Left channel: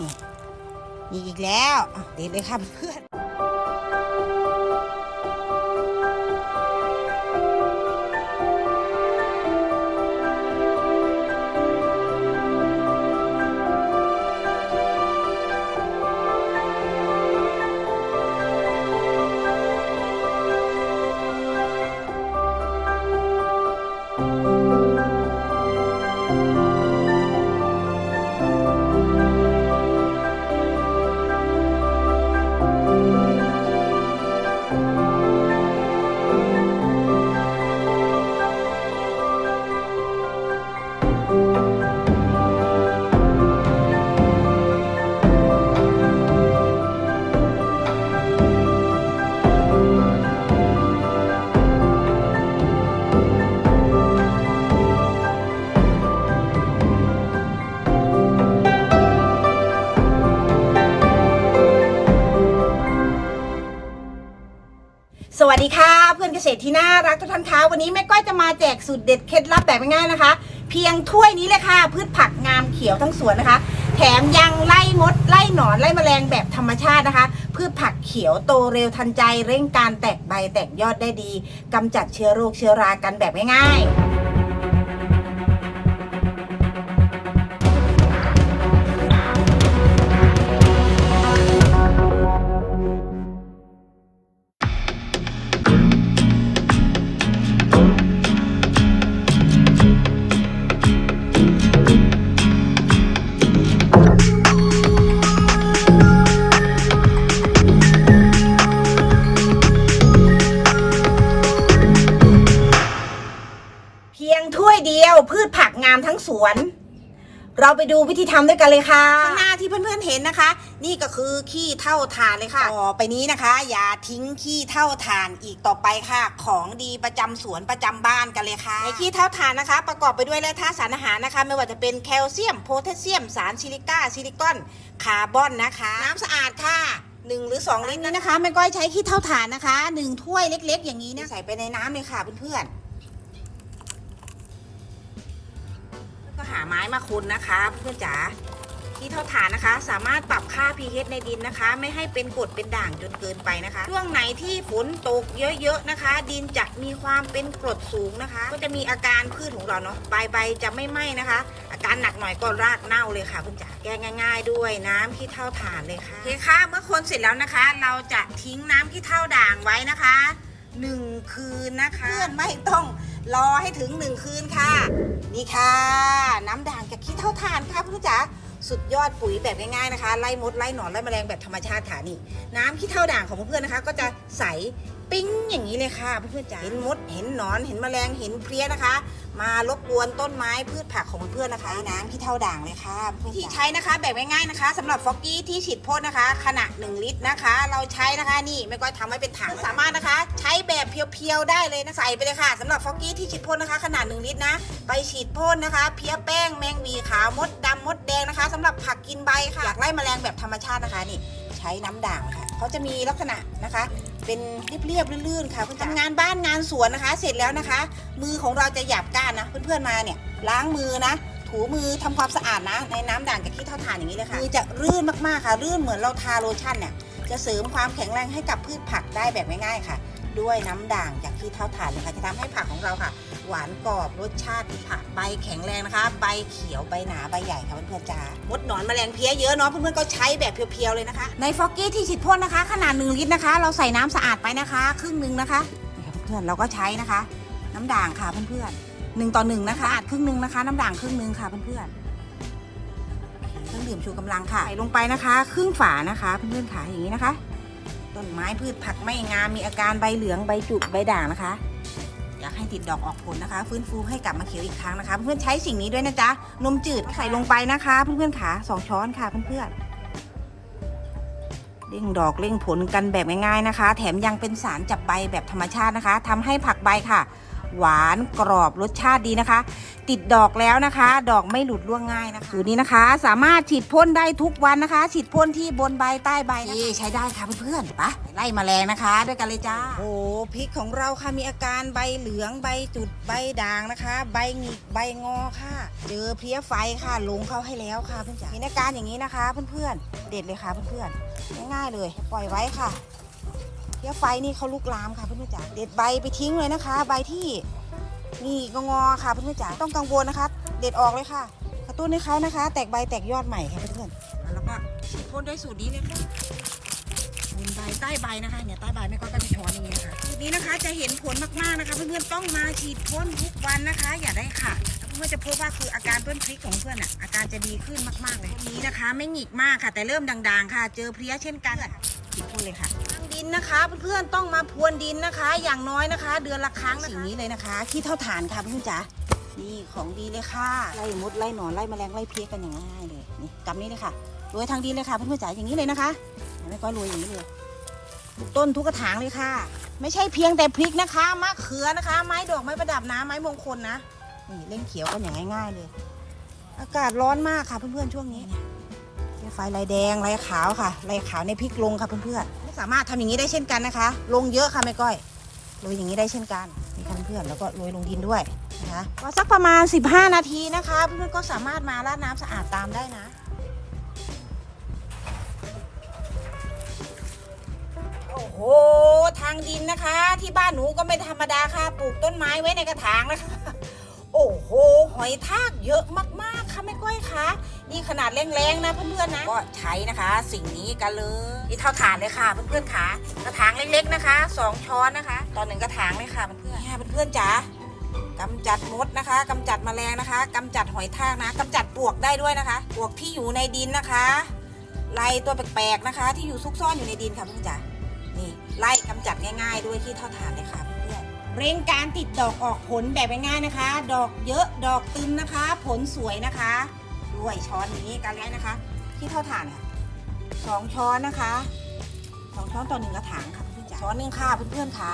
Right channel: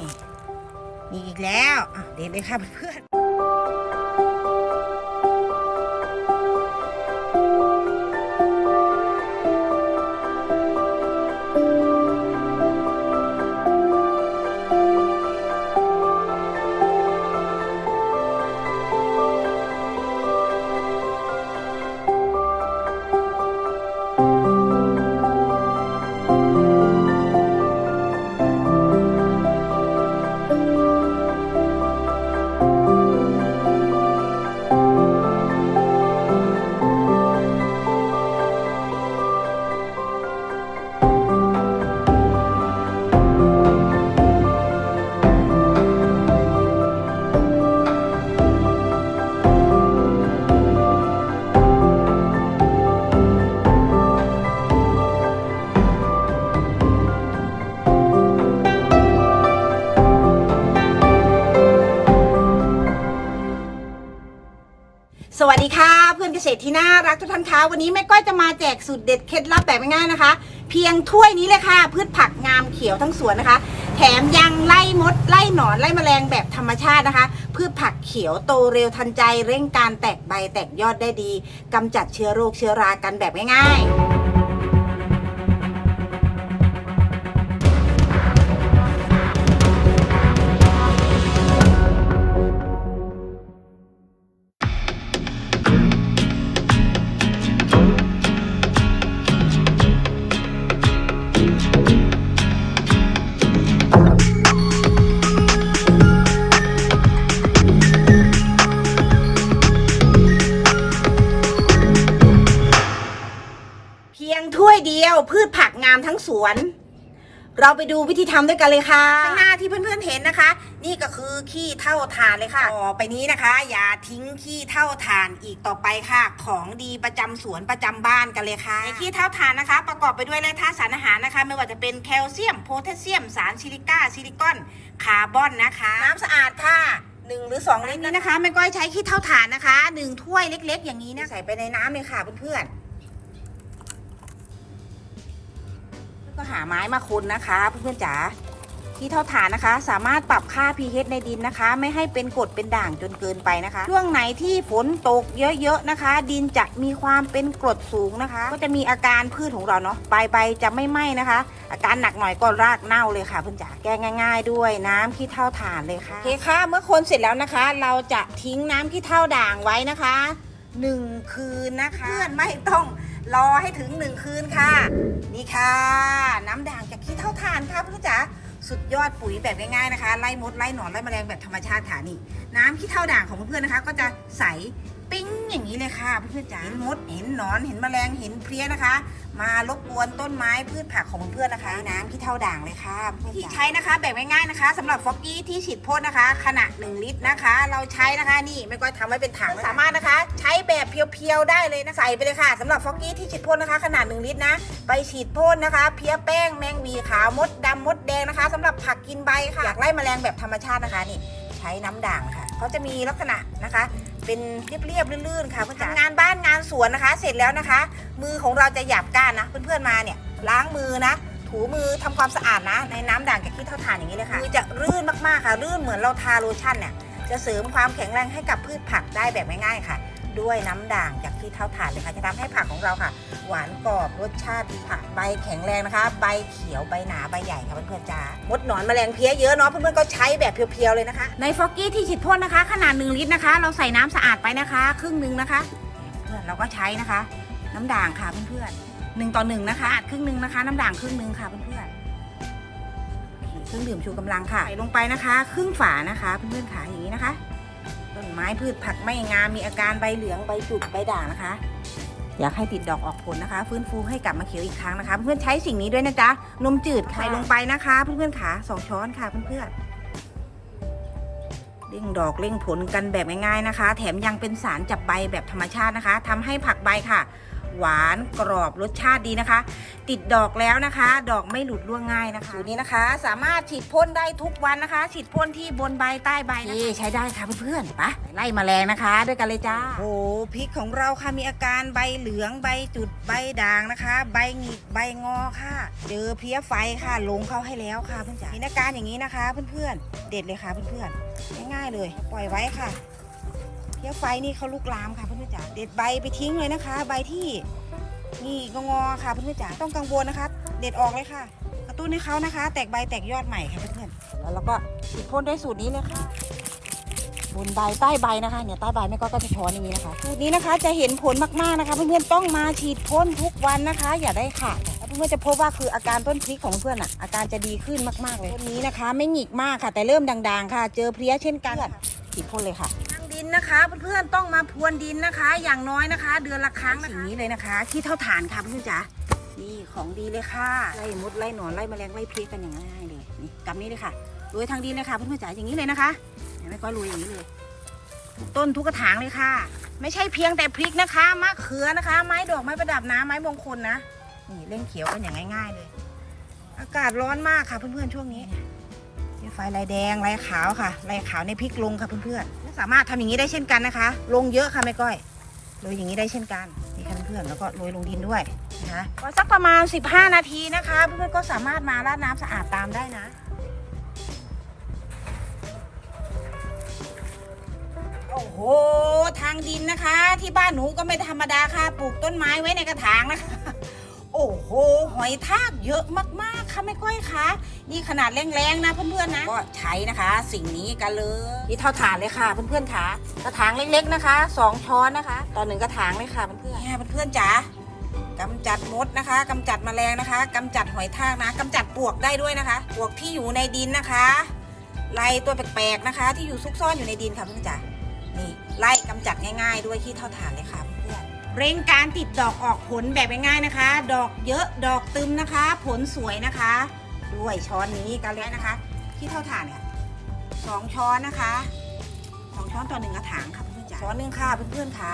นี่มีอีกแล้วเด็ดเลยค่ะเพื่อน วัสดีค่ะ เพื่อนเกษตรที่น่ารักทุกท่านคะวันนี้แม่ก้อยจะมาแจกสูตรเด็ดเคล็ดลับแบบง่ายๆนะคะ เพียงถ้วยนี้เลยค่ะ พืชผักงามเขียวทั้งสวนนะคะ แถมยังไล่มด ไล่หนอนไล่แมลงแบบธรรมชาตินะคะ พืชผักเขียวโตเร็วทันใจ เร่งการแตกใบแตกยอดได้ดีกำจัดเชื้อโรคเชื้อรากันแบบง่ายๆามทั้งสวน เราไปดูวิธีทำด้วยกันเลยค่ะข้างหน้าที่เพื่อนๆเห็นนะคะ นี่ก็คือขี้เท่าฐานเลยค่ะต่อไปนี้นะคะ อย่าทิ้งขี้เท่าฐานอีกต่อไปค่ะ ของดีประจำสวนประจำบ้านกันเลยค่ะในขี้เท่าฐานนะคะ ประกอบไปด้วยแร่ธาตุสารอาหารนะคะ ไม่ว่าจะเป็นแคลเซียมโพแทสเซียม สารซิลิก้าซิลิคอนคาร์บอนนะคะ น้ำสะอาดค่ะหนึ่งหรือสองลิตรนี้นะคะแม่ก้อยใช้ขี้เท่าฐานนะคะหนึ่งถ้วยเล็ก ๆ อย่างนี้นะใส่ไปในน้ำเลยค่ะเพื่อนๆ หาไม้มาคุณนะคะเพื่อนๆจ๋าที่เท่าฐานนะคะ สามารถปรับค่า pH ในดินนะคะ ไม่ให้เป็นกรดเป็นด่างจนเกินไปนะคะ ช่วงไหนที่ฝนตกเยอะๆนะคะ ดินจะมีความเป็นกรดสูงนะคะ ก็จะมีอาการพืชของเราเนาะใบใบจะไม่ไหม้นะคะ อาการหนักหน่อยก็รากเน่าเลยค่ะเพื่อนจ๋าแก้ง่าย ๆ ด้วยน้ำขี้เท่าฐานเลยค่ะโอเคค่ะเมื่อคนเสร็จแล้วนะคะ เราจะทิ้งน้ำขี้เท่าด่างไว้นะคะ หนึ่งคืนนะคะเพื่อนไม่ต้องรอให้ถึงหนึ่งคืนค่ะ นี่ค่ะ น้ำด่างจากขี้เท่าทานค่ะเพื่อนจ๋าสุดยอดปุ๋ยแบบง่ายๆนะคะ ไล่มดไล่หนอนไล่แมลงแบบธรรมชาติค่ะนี่ น้ำขี้เท่าด่างของเพื่อนๆนะคะ ก็จะใส ปิ้งอย่างนี้เลยค่ะเพื่อนๆจ๋าเห็นมดเห็นหนอนเห็นแมลงเห็นเพลี้ยนะคะ มารบกวนต้นไม้พืชผักของเพื่อนๆนะคะน้ำขี้เท่าด่างเลยค่ะเพื่อนๆที่ใช้นะคะแบบง่ายๆนะคะสำหรับฟอกกี้ที่ฉีดพ่นนะคะ ขนาด 1 ลิตรนะคะ เราใช้นะคะนี่ไม่ก็ทำไว้เป็นถังสามารถนะคะ ใช้แบบเพียวๆได้เลยนะใส่ไปเลยค่ะสำหรับฟอกกี้ที่ฉีดพ่นนะคะขนาด 1 ลิตรนะ ไปฉีดพ่นนะคะ เพี้ยแป้งแมงวีขาวมดดำมดแดงนะคะสำหรับผักกินใบค่ะอยากไล่แมลงแบบธรรมชาตินะคะนี่ใช้น้ำด่างค่ะเขาจะมีลักษณะนะคะ เป็นเรียบๆลื่นๆค่ะเพื่อนๆทำงานบ้านงานสวนนะคะ เสร็จแล้วนะคะ มือของเราจะหยาบก้านนะ เพื่อนๆมาเนี่ยล้างมือนะ ถูมือทำความสะอาดนะ ในน้ำด่างกับขี้เท่าฐานอย่างนี้เลยค่ะมือจะรื่นมากๆค่ะรื่นเหมือนเราทาโลชั่นเนี่ยจะเสริมความแข็งแรงให้กับพืชผักได้แบบง่ายๆค่ะ ด้วยน้ำด่างจากขี้เท่าฐานเลยค่ะจะทำให้ผักของเราค่ะ หวานกรอบรสชาติดีค่ะใบแข็งแรงนะคะ ใบเขียวใบหนาใบใหญ่ค่ะเพื่อนๆจ้ามดหนอนแมลงเพี้ยเยอะเนาะเพื่อนๆก็ใช้แบบเพียวๆเลยนะคะ ในฟอกกี้ที่ฉีดพ่นนะคะ ขนาด1ลิตรนะคะ เราใส่น้ำสะอาดไปนะคะ ครึ่งหนึ่งนะคะ เพื่อนเราก็ใช้นะคะ น้ำด่างค่ะเพื่อนๆหนึ่งต่อหนึ่งนะคะครึ่งหนึ่งนะคะ น้ำด่างครึ่งหนึ่งค่ะเพื่อนๆเครื่องดื่มชูกำลังค่ะใส่ลงไปนะคะ ครึ่งฝานะคะเพื่อนๆค่ะอย่างนี้นะคะ ต้นไม้พืชผักไม่งามมีอาการใบเหลืองใบจุกใบด่างนะคะ อยากให้ติดดอกออกผลนะคะ ฟื้นฟูให้กลับมาเขียวอีกครั้งนะคะ เพื่อนๆใช้สิ่งนี้ด้วยนะจ๊ะนมจืดใส่ลงไปนะคะ เพื่อนๆขาสองช้อนค่ะเพื่อนๆเร่งดอกเร่งผลกันแบบง่ายๆนะคะ แถมยังเป็นสารจับใบแบบธรรมชาตินะคะทำให้ผักใบค่ะ หวานกรอบรสชาติดีนะคะ ติดดอกแล้วนะคะ ดอกไม่หลุดร่วงง่ายนะคะสูตรนี้นะคะ สามารถฉีดพ่นได้ทุกวันนะคะ ฉีดพ่นที่บนใบใต้ใบนะคะใช้ได้ค่ะเพื่อนๆไปะไล่แมลงนะคะ ด้วยกันเลยจ้าโอ้พริกของเราค่ะมีอาการใบเหลืองใบจุดใบด่างนะคะ ใบหงิกใบงอค่ะ เจอเพลี้ยไฟค่ะลงเข้าให้แล้วค่ะเพื่อนจ๋ามีอาการอย่างนี้นะคะ เพื่อนๆเด็ดเลยค่ะเพื่อนๆง่ายๆเลย ปล่อยไว้ค่ะ เพี้ยไฟนี่เขาลุกลามค่ะเพื่อนๆจ๋าเด็ดใบไปทิ้งเลยนะคะ ใบที่นี่งอค่ะเพื่อนๆจ๋าต้องกังวลนะคะ เด็ดออกเลยค่ะ กระตุ้นให้เขานะคะ แตกใบแตกยอดใหม่ค่ะเพื่อนๆแล้วเราก็พ่นด้วยสูตรนี้เลยค่ะบนใบใต้ใบนะคะเนี่ยใต้ใบไม่ก็กระช้อนอย่างนี้นะคะสูตรนี้นะคะจะเห็นผลมากๆนะคะ เพื่อนๆต้องมาฉีดพ่นทุกวันนะคะ อย่าได้ขาดเพื่อนจะพบว่าคืออาการต้นพริกของเพื่อนอะอาการจะดีขึ้นมากๆเลยวันนี้นะคะ ไม่หงิกมากค่ะ แต่เริ่มด่างๆ ค่ะ เจอเพลี้ยเช่นกันฉีดพ่นเลยค่ะ ดินนะคะ เพื่อนๆต้องมาพรวนดินนะคะ อย่างน้อยนะคะ เดือนละครั้งนะคะสิ่งนี้เลยนะคะ ที่เท่าฐานค่ะเพื่อนจ๋านี่ของดีเลยค่ะไล่มดไล่หนอนไล่แมลงไล่เพลี้ยกันอย่างง่ายเลยนี่กำนี้เลยค่ะโรยทางดินเลยค่ะเพื่อนๆจ๋าอย่างนี้เลยนะคะเห็นไหมก็โรยอย่างนี้เลยต้นทุกกระถางเลยค่ะ ไม่ใช่เพียงแต่พริกนะคะมะเขือนะคะ ไม้ดอกไม้ประดับนะไม้มงคลนะนี่เล่นเขียวกันอย่างง่าย ๆ เลย อากาศร้อนมากค่ะเพื่อนๆช่วงนี้ไฟลายแดงลายขาวค่ะลายขาวในพริกลงค่ะเพื่อนๆ สามารถทำอย่างนี้ได้เช่นกันนะคะ ลงเยอะค่ะแม่ก้อยโรยอย่างนี้ได้เช่นกันนี่ค่ะเพื่อนแล้วก็โรยลงดินด้วยนะคะพอสักประมาณ 15 นาทีนะคะเพื่อนๆก็สามารถมาราดน้ำสะอาดตามได้นะโอ้โหทางดินนะคะ ที่บ้านหนูก็ไม่ธรรมดาค่ะ ปลูกต้นไม้ไว้ในกระถางนะคะ โอ้โห หอยทากเยอะมากๆ ค่ะแม่ก้อยคะนี่ขนาดแรงๆนะเพื่อนๆนะก็ใช้นะคะ สิ่งนี้กันเลยนี่เท่าฐานเลยค่ะ เพื่อนๆค่ะกระถางเล็กๆนะคะสองช้อนนะคะต่อหนึ่งกระถางเลยค่ะเพื่อนๆเนี่ยเพื่อนๆจ๋ากำจัดมดนะคะกำจัดแมลงนะคะกำจัดหอยทากนะกำจัดปลวกได้ด้วยนะคะปลวกที่อยู่ในดินนะคะไล่ตัวแปลกๆนะคะ ที่อยู่ซุกซ่อนอยู่ในดินค่ะเพื่อนๆจ๋านี่ไล่กำจัดง่าย ๆ ด้วยที่เท่าฐานเลยค่ะ เพื่อนๆเร่งการติดดอกออกผลแบบง่ายๆนะคะ ดอกเยอะดอกตึมนะคะ ผลสวยนะคะ ด้วยช้อนนี้กันแล้วนะคะ ที่เท่าฐานเนี่ยสองช้อนนะคะสองช้อนต่อหนึ่งกระถางค่ะเพื่อนๆจ๋าช้อนหนึ่งค่ะเพื่อนๆค่ะ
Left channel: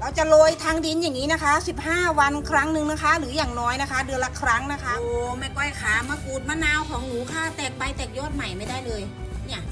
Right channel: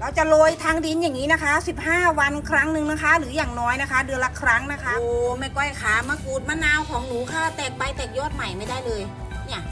เราจะโรยทางดินอย่างนี้นะคะ 15 วันครั้งหนึ่งนะคะ หรืออย่างน้อยนะคะ เดือนละครั้งนะคะ โอ้แม่ก้อยขามะกรูดมะนาวของหนูค่ะ แตกใบแตกยอดใหม่ไม่ได้เลย เนี่ย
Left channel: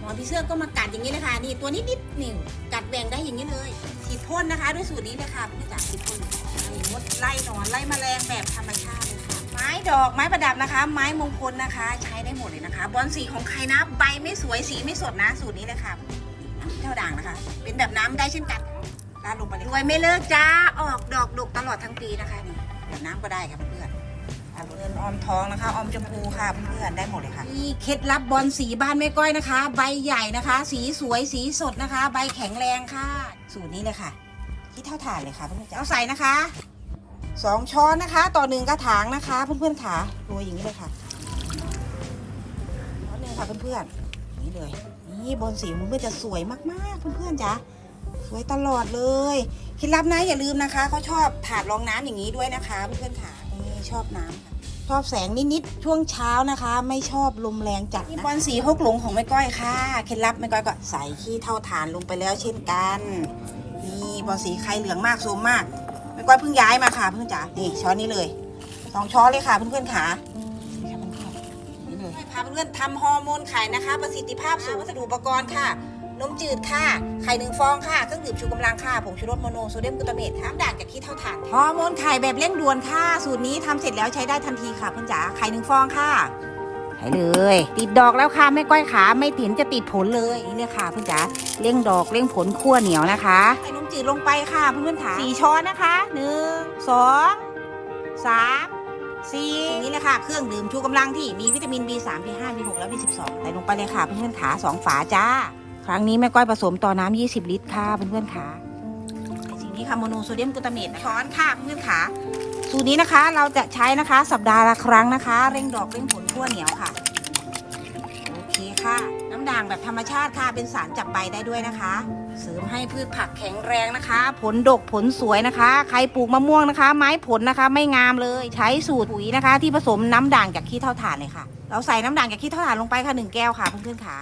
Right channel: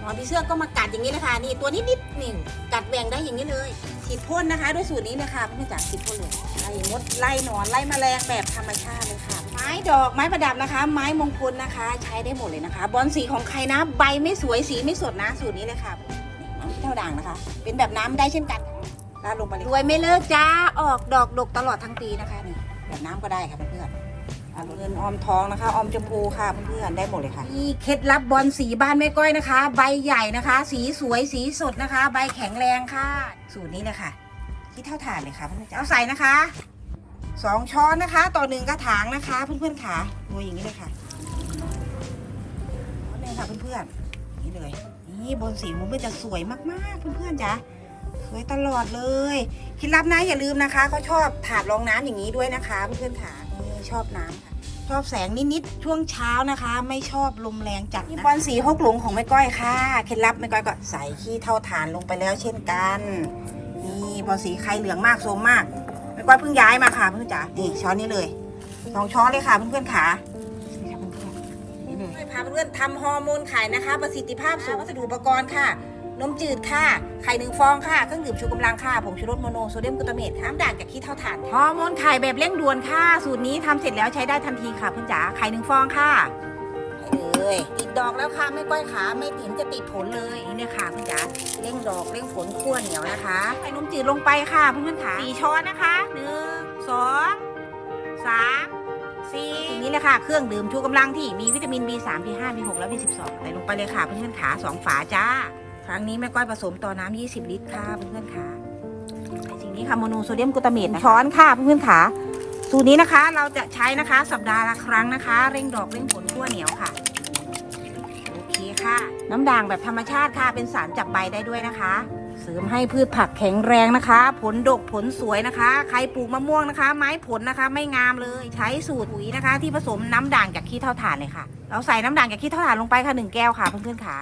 หมอพี่เสื้อก็มากัดอย่างนี้นะคะนี่ตัวนิดนิดๆนี่กัดแบ่งได้อย่างนี้เลย ฉีดพ่นนะคะ ด้วยสูตรนี้นะคะเพื่อจ๋าฉีดพ่นเลยไล่มดไล่หนอนไล่แมลงแบบธรรมชาติเลยค่ะ ไม้ดอกไม้ประดับนะคะ ไม้มงคลนะคะ ใช้ได้หมดเลยนะคะ บอลสีของใครนะ ใบไม่สวยสีไม่สดนะสูตรนี้เลยค่ะน้ำเท่าด่างนะคะ เป็นแบบน้ำได้เช่นกันลาดลงไปเลยรวยไม่เลิกจ้าออกดอกดกตลอดทั้งปีนะคะนี่แบบน้ำก็ได้ค่ะเพื่อน ๆอะเงินออมทองนะคะออมชมพูค่ะเพื่อนๆได้หมดเลยค่ะนี่เคล็ดลับบอลสีบ้านแม่ก้อยนะคะ ใบใหญ่นะคะ สีสวยสีสดนะคะ ใบแข็งแรงค่ะ สูตรนี้เลยค่ะที่เท่าฐานเลยค่ะเพื่อนๆเอาใส่นะคะสองช้อนนะคะ ต่อหนึ่งกระถางนะคะ เพื่อนๆค่ะโรยอย่างนี้เลยค่ะช้อนหนึ่งค่ะเพื่อนๆนี่เลย นี่บนสีมุ้งมันจะสวยมากๆ เพื่อนๆจ้ะสวยตลอดเลยเคล็ดลับนะอย่าลืมนะคะเขาชอบถาดรองน้ำอย่างนี้ด้วยนะคะเพื่อนๆค่ะนี่ชอบน้ำค่ะชอบแสงนิดๆช่วงเช้านะคะ ไม่ชอบลมแรงจัดนะนี่บอลสีหกหลงของแม่ก้อยค่ะเคล็ดลับแม่ก้อยก็ใส่ขี้เท่าฐานลงไปแล้วเช่นกันนี่บอลสีไข่เหลืองมากโซมมากแม่ก้อยเพิ่งย้ายมาค่ะเพื่อนจ๋านี่ช้อนนี้เลยสองช้อนเลยค่ะเพื่อนๆค่ะนี่ค่ะเพื่อนๆนี่เลยพาเพื่อนๆทำฮอร์โมนไข่นะคะ ประสิทธิภาพสูงวัสดุอุปกรณ์ค่ะ นมจืดค่ะ ไข่หนึ่งฟองค่ะ เครื่องดื่มชูกำลังค่ะ ผงชูรสโมโนโซเดียมกลูตาเมตน้ำด่างจากขี้เท่าถ่านฮอร์โมนไข่แบบเร่งด่วนค่ะ สูตรนี้ทำเสร็จแล้วใช้ได้ทันทีค่ะเพื่อนจ๋า ไข่หนึ่งฟองค่ะให้เลย ติดดอกแล้วค่ะไม่ก้อยขาไม่ถินจะติดผลเลยนี่เลยค่ะเพื่อนจ๋าเร่งดอกเร่งผลขั้วเหนียวนะคะใส่นมจืดลงไปค่ะเพื่อนๆค่ะสี่ช้อนนะคะหนึ่งสองสามสี่สิ่งนี้เลยค่ะเครื่องดื่มชูกำลังที่มีวิตามิน B3 B5 B6 และ B12 ใส่ลงไปเลยค่ะเพื่อนๆขาสองฝาจ้า ครั้งนี้แม่ก้อยผสมต่อน้ำ20 ลิตรค่ะเพื่อนๆค่ะสิ่งนี้ค่ะโมโนโซเดียมกลูตาเมตช้อนค่ะเพื่อนๆค่ะสูตรนี้นะคะเราจะใช้นะคะสัปดาห์ละครั้งนะคะ เร่งดอกเร่งผลขั้วเหนียวค่ะโอเคค่ะ น้ำด่างแบบธรรมชาติค่ะเป็นสารจับใบได้ด้วยนะคะ เสริมให้พืชผักแข็งแรงนะคะ ผลดกผลสวยนะคะ ใครปลูกมะม่วงนะคะ ไม้ผลนะคะไม่งามเลย ใช้สูตรปุ๋ยนะคะ ที่ผสมน้ำด่างจากขี้เท่าถ่านเลยค่ะ เราใส่น้ำด่างจากขี้เท่าถ่านลงไปค่ะหนึ่งแก้วค่ะเพื่อนๆค่ะ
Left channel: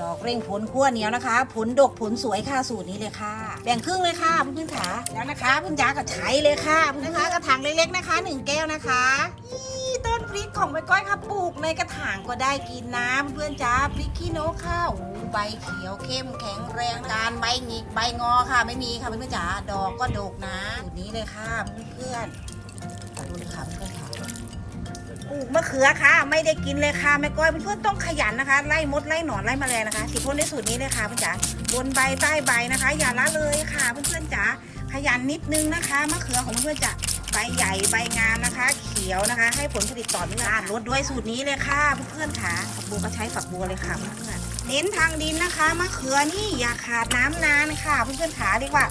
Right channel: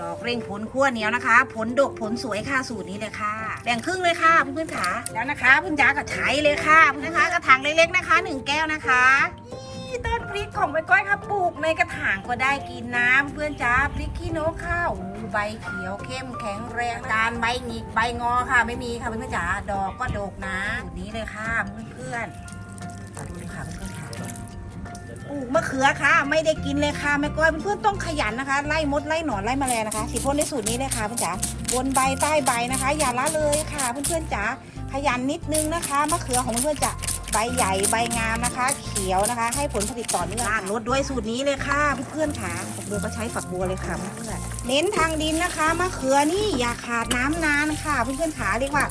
ดอกเร่งผลขั้วเหนียวนะคะ ผลดกผลสวยค่ะสูตรนี้เลยค่ะ แบ่งครึ่งเลยค่ะเพื่อนๆขาแล้วนะคะเพื่อนจ๋าก็ใช้เลยค่ะนะคะกระถางเล็กๆนะคะหนึ่งแก้วนะคะต้นพริกของใบก้อยค่ะปลูกในกระถางก็ได้กินน้ำเพื่อนจ๋าพริกขี้นกข้าวใบเขียวเข้มแข็งแรงการใบหงิกใบงอค่ะ ไม่มีค่ะเพื่อนจ๋าดอกก็ดกนะสูตรนี้เลยค่ะเพื่อนๆดูเลยค่ะเพื่อนค่ะ ปลูกมะเขือค่ะ ไม่ได้กินเลยค่ะแม่ก้อยเพื่อนๆต้องขยันนะคะ ไล่มดไล่หนอนไล่แมลงนะคะฉีดพ่นในสูตรนี้เลยค่ะเพื่อนจ๋าบนใบใต้ใบนะคะ อย่าละเลยค่ะเพื่อนๆจ๋าขยันนิดนึงนะคะมะเขือของเพื่อนๆจะใบใหญ่ใบงามนะคะ เขียวนะคะ ให้ผลผลิตต่อเนื่องลดด้วยสูตรนี้เลยค่ะเพื่อนๆค่ะฝักบัวก็ใช้ฝักบัวเลยค่ะเพื่อนๆเน้นทางดินนะคะมะเขือนี่อย่าขาดน้ำนานค่ะเพื่อนๆขาเรียกว่า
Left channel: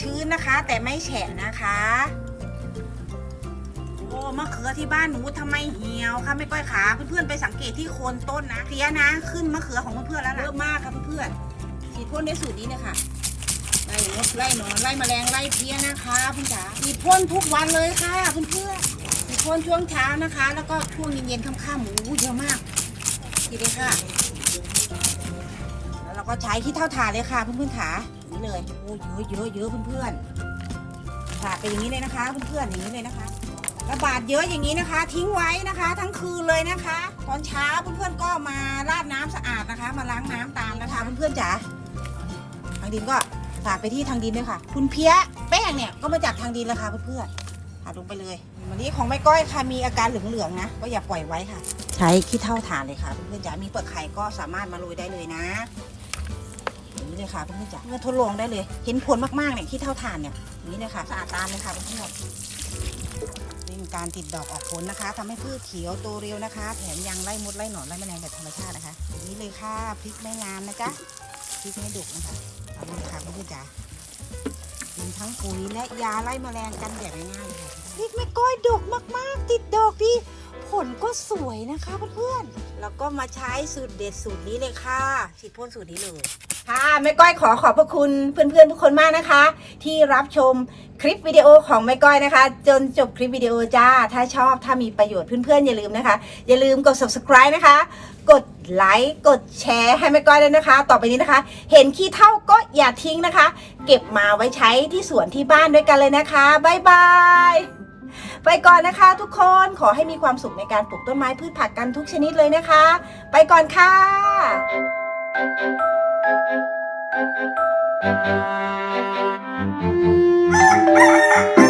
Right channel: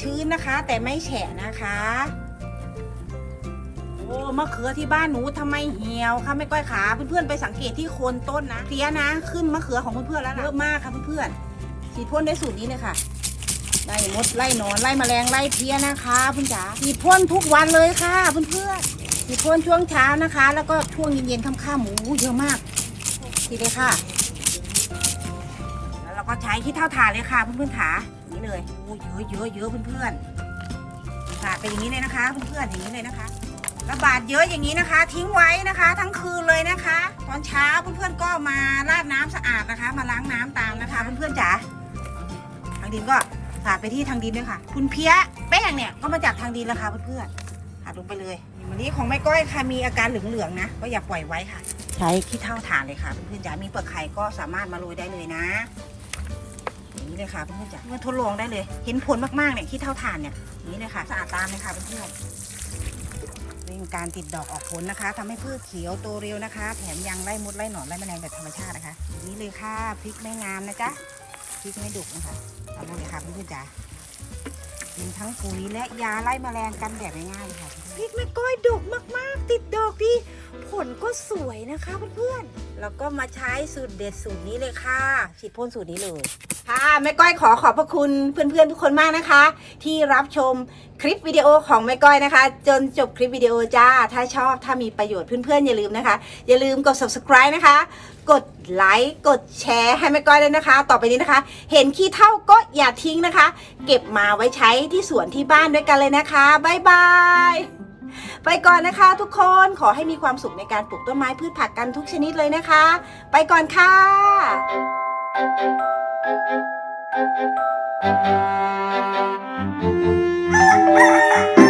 ชื้นนะคะ แต่ไม่แฉะนะคะ มะเขือที่บ้านหนูทำไมเหี่ยวคะไม่ก้อยขาเพื่อนๆไปสังเกตที่โคนต้นนะเพลียนะขึ้นมะเขือของเพื่อนๆแล้วนะเยอะมากค่ะเพื่อนๆฉีดพ่นในสูตรนี้เลยค่ะไล่มดไล่หนอนไล่แมลงไล่เพี้ยนะคะเพื่อนจ๋าฉีดพ่นทุกวันเลยค่ะเพื่อนๆฉีดพ่นช่วงเช้านะคะ แล้วก็ช่วงเย็นๆค่ำๆหมูเยอะมากฉีดเลยค่ะแล้วเราก็ใช้ที่เท่าฐานเลยค่ะเพื่อนๆขาอย่างนี้เลยโอ้เยอะเยอะเยอะเพื่อนๆหลากเป็นอย่างนี้เลยนะคะ เพื่อนๆอย่างนี้เลยนะคะ ระบาดเยอะอย่างนี้นะคะ ทิ้งไว้นะคะ ทั้งคืนเลยนะคะ ตอนเช้าเพื่อนๆก็มาราดน้ำสะอาดนะคะ มาล้างน้ำตามนะคะเพื่อนๆจ๋าทางดินก็ฝากไปที่ทางดินด้วยค่ะ คุณเพี้ยแป้งเนี่ยก็มาจากทางดินแล้วค่ะเพื่อนๆหาลงไปเลยวันนี้ของแม่ก้อยค่ะมีอาการเหลืองๆนะก็อย่าปล่อยไว้ค่ะ ใช้ขี้เท่าฐานเลยค่ะเพื่อนๆจ๋ามีเปลือกไข่ก็สามารถมาโรยได้เลยนะนี้เลยค่ะเพื่อนๆจ๋าทดลองได้เลย เห็นผลมากๆเนี่ยขี้เท่าฐานเนี่ยนี้เลยค่ะสะอาดตามเลยค่ะเพื่อนๆ เร่งการติดดอกออกผลนะคะทำให้พืชเขียวโตเร็วนะคะ แถมยังไล่มดไล่หนอนไล่แมลงแบบธรรมชาตินะคะอย่างนี้เลยค่ะพริกไม่งามนะจ๊ะพริกไม่ดุนะคะเอาเลยค่ะคุณผู้จ๋ามีทั้งปุ๋ยและยาไล่แมลงกันแดดง่ายๆค่ะพริกแม่ก้อยดกมากๆ ติดดอกดีผลก็สวยนะคะเพื่อนๆแล้วก็มาใช้สูตรเด็ดสูตรนี้เลยค่ะฉีดพ่นสูตรนี้เลย ค่ะแม่ก้อยขอขอบพระคุณเพื่อนๆทุกคนมากนะคะ ที่รับชมคลิปวิดีโอของแม่ก้อยนะคะ จนจบคลิปวิดีโอจ้า ถ้าชอบถ้ามีประโยชน์เพื่อนๆอย่าลืมนะคะ อย่าลืมกด subscribe นะคะ กดไลค์กดแชร์ให้แม่ก้อยด้วยนะคะ ต่อไปนี้นะคะ เห็นขี้เท่าก็อย่าทิ้งนะคะ เก็บมาไว้ใช้ที่สวนที่บ้านด้วยกันเลยนะคะบ๊ายบายไปก่อนนะคะ ทุกคนขอให้มีความสุขในการปลูกต้นไม้พืชผักกันทุกชนิดเลยนะคะ ไปก่อนค่ะ Thank you.